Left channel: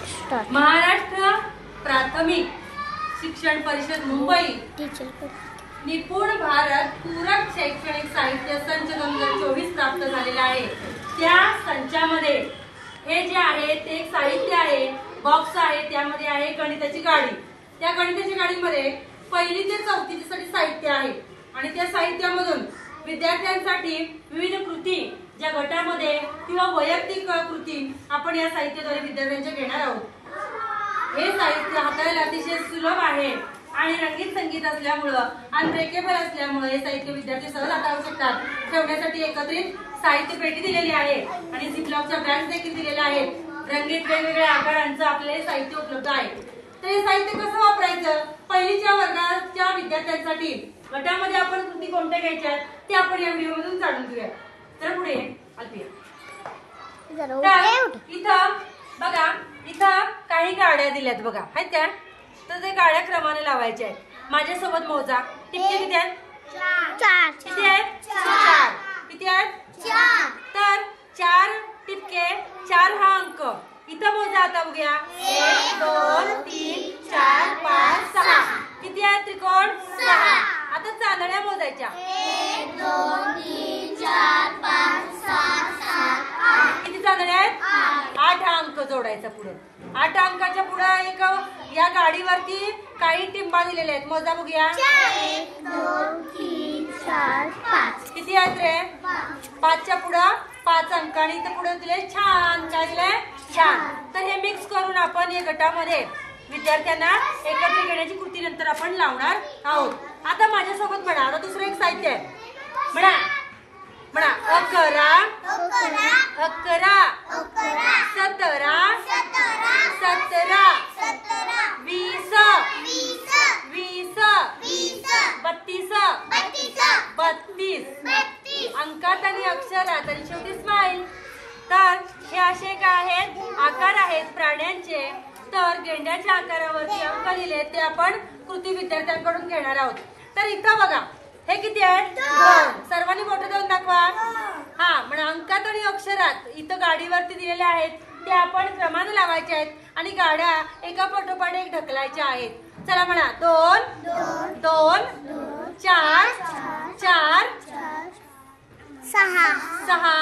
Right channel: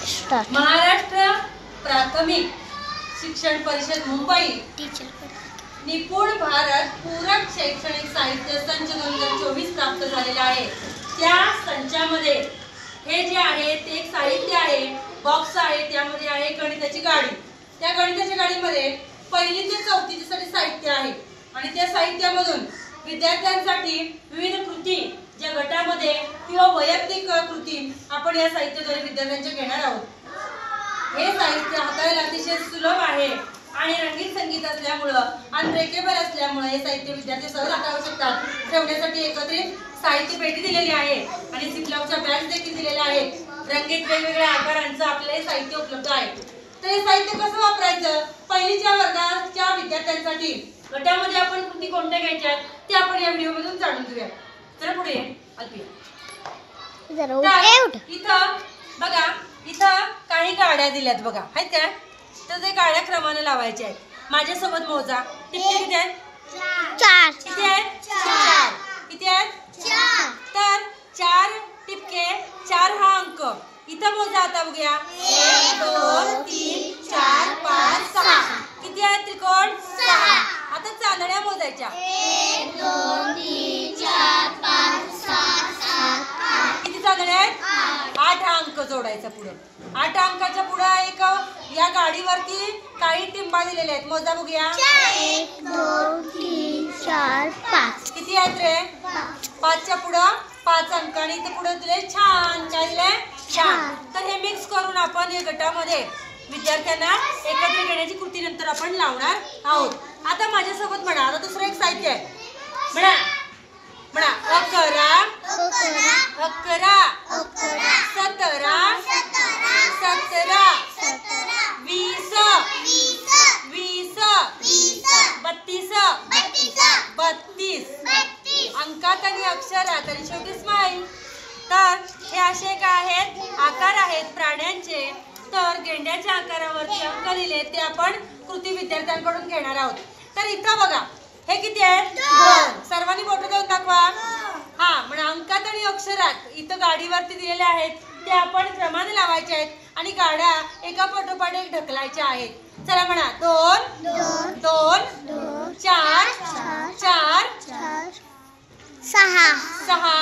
महाराष्ट्र प्राथमिक शिक्षण परिषद मुंबई निपुण भारत पूरक शैक्षणिक साहित्य संच 2024 प्राप्त झालेला आहे। त्या संचामध्ये हे जे आहे ते एक साहित्य आहे, बॉक्स आहे, त्यामध्ये आहे गणिताची गाडी। त्या गणिताच्या गाडीमध्ये पहिली ते चौथी साठी साहित्य आहे आणि त्या साहित्यामधून विद्यार्थ्यांसाठी विविध कृती ज्या गटामध्ये किंवा वैयक्तिक कृती आपण या साहित्याद्वारे विद्यार्थ्यांच्या घेणार आहोत। हे साहित्य हाताळायला अतिशय सुलभ आहे आणि रंगीत संगीत असल्यामुळे अनब्रेकेबल असल्यामुळे हे साहित्य विद्यार्थी सहज हाताळू शकतात। ठेवण्यासाठी एकत्रित साहित्य पेटी दिलेली आहे आणि झिपलॉकच्या बॅग्स देखील दिलेल्या आहेत। रंगीत वेगवेगळ्या आकारांचं आपले साहित्य उपलब्ध आहे। तर हे साहित्य कसं वापरायचं, पहिलीच्या वर्गाच्या विद्यार्थ्यांसाठी गटामध्ये आपण कृती कोणत्या घ्यायच्या ते आपण या व्हिडिओ मधून जाणून घेऊया। तर पुढे अल्पिया, इथं बघा, इथं काही गाड्या दिल्यात बघा, आहेत का? तर ते गाड्या क्रमाने लावायच्या आहेत। माझ्यासोबत मोजा, टिपके किती आहेत? 4। किती आहेत? 4। किती आहेत? 4। तर 4 टिपके 4 हा अंक इथं मोजा। आता बघूया, 1 2 3 4 5 6 किती आहेत त्रिकोण? 6। आता चांदण्या मोजायच्या, 1 2 3 4 5 6 7 किती चांदण्या आहेत? 8 हा अंक जोडायचा पुढे। 8 अंकाच्या पुढे एक या गाडीवरती काही टिंबा दिलेले आहेत, मोजा बघूया, 1 2 3 4 5 किती आहेत रे? 5 च्या पुढे 5 अंक आणि इथे पुढे दिले छान, काय दिले? छान। तर हे मिक्स करून आपण या गटामध्ये विद्यार्थ्यांना एकत्र घेण्याची कृती नंतर आपण लावणार आहोत। आता माझ्यासोबत म्हणा, आता दुसरं एक साहित्य आहे, म्हणा म्हणा 11 11 17 17 20 20 32 अंकात आणि अक्षरात आणि शेवटी स्माइल। तर हे असे काय आहेत? आकार आहेत प्राण्यांचे। तर गेंड्याच्या आकारावरती अंक लिहिले ते आपण कृती विद्यार्थ्यांकडून घेणार आहोत। तर इथं बघा, हे किती आहे? 2। सर्वांनी बोटं देऊन दाखवा। हा, म्हणजे अंकात आणि अक्षरात इथं गाडीवरती दिलेले आहेत ते आपण क्रमाने लावायचे आहेत आणि गाड्या एका पाठोपाठ एक ढकलायच्या आहेत। चला म्हणा, 2 2 4 4 6 6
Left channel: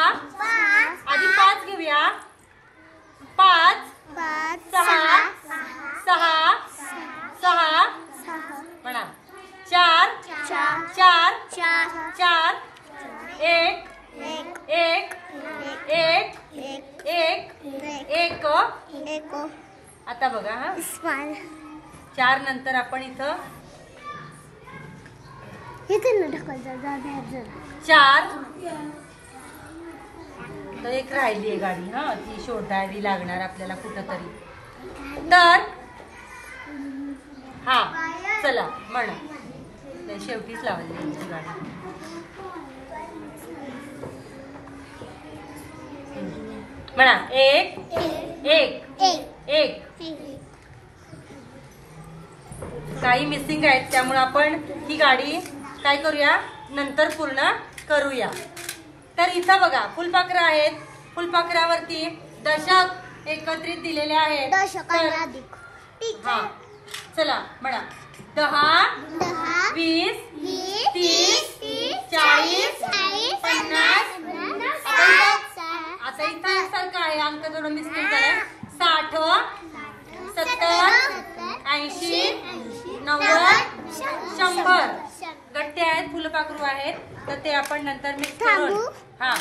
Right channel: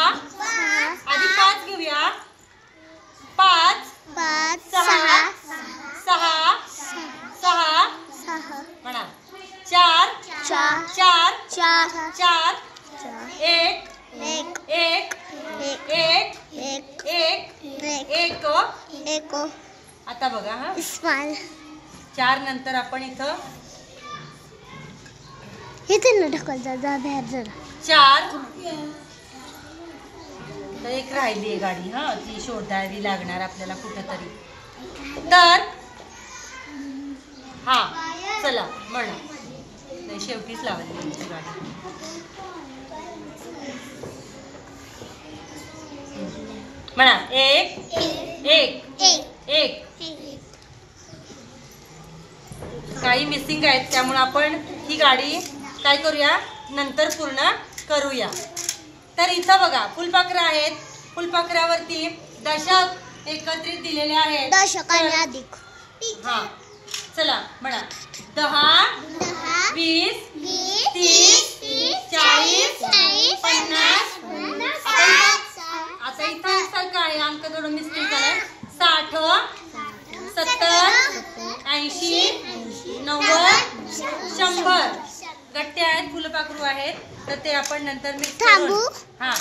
आधी 5 घेऊया, 5 6 6 6 म्हणा, 4 4 4 1 1 1 1 1। आता बघा, हा 4 नंतर आपण इथं ढकलता 4 तर एक राहिली आहे गाडी, हा ती शोधावी लागणार आपल्याला कुठंतरी। तर हा चला म्हणा, नाही शेवटीच लावली यांची गाडी। म्हणा 1 1 1। काही मिसिंग आहेत त्यामुळे आपण ही गाडी काय करूया, नंतर पूर्ण करूया। तर इथं बघा फुलपाखरं आहेत, फुलपाखरावरती दशक एकत्रित दिलेले आहेत। हा चला म्हणा, 10 20 30 40 50 आता इथं एकसारखं आहे, अंक थोडं मिस्टेक झालाय, 60 70 80 90 100 गट्टे आहेत, फुलपाखरू आहेत। तर ते आपण नंतर मिक्स करून, हा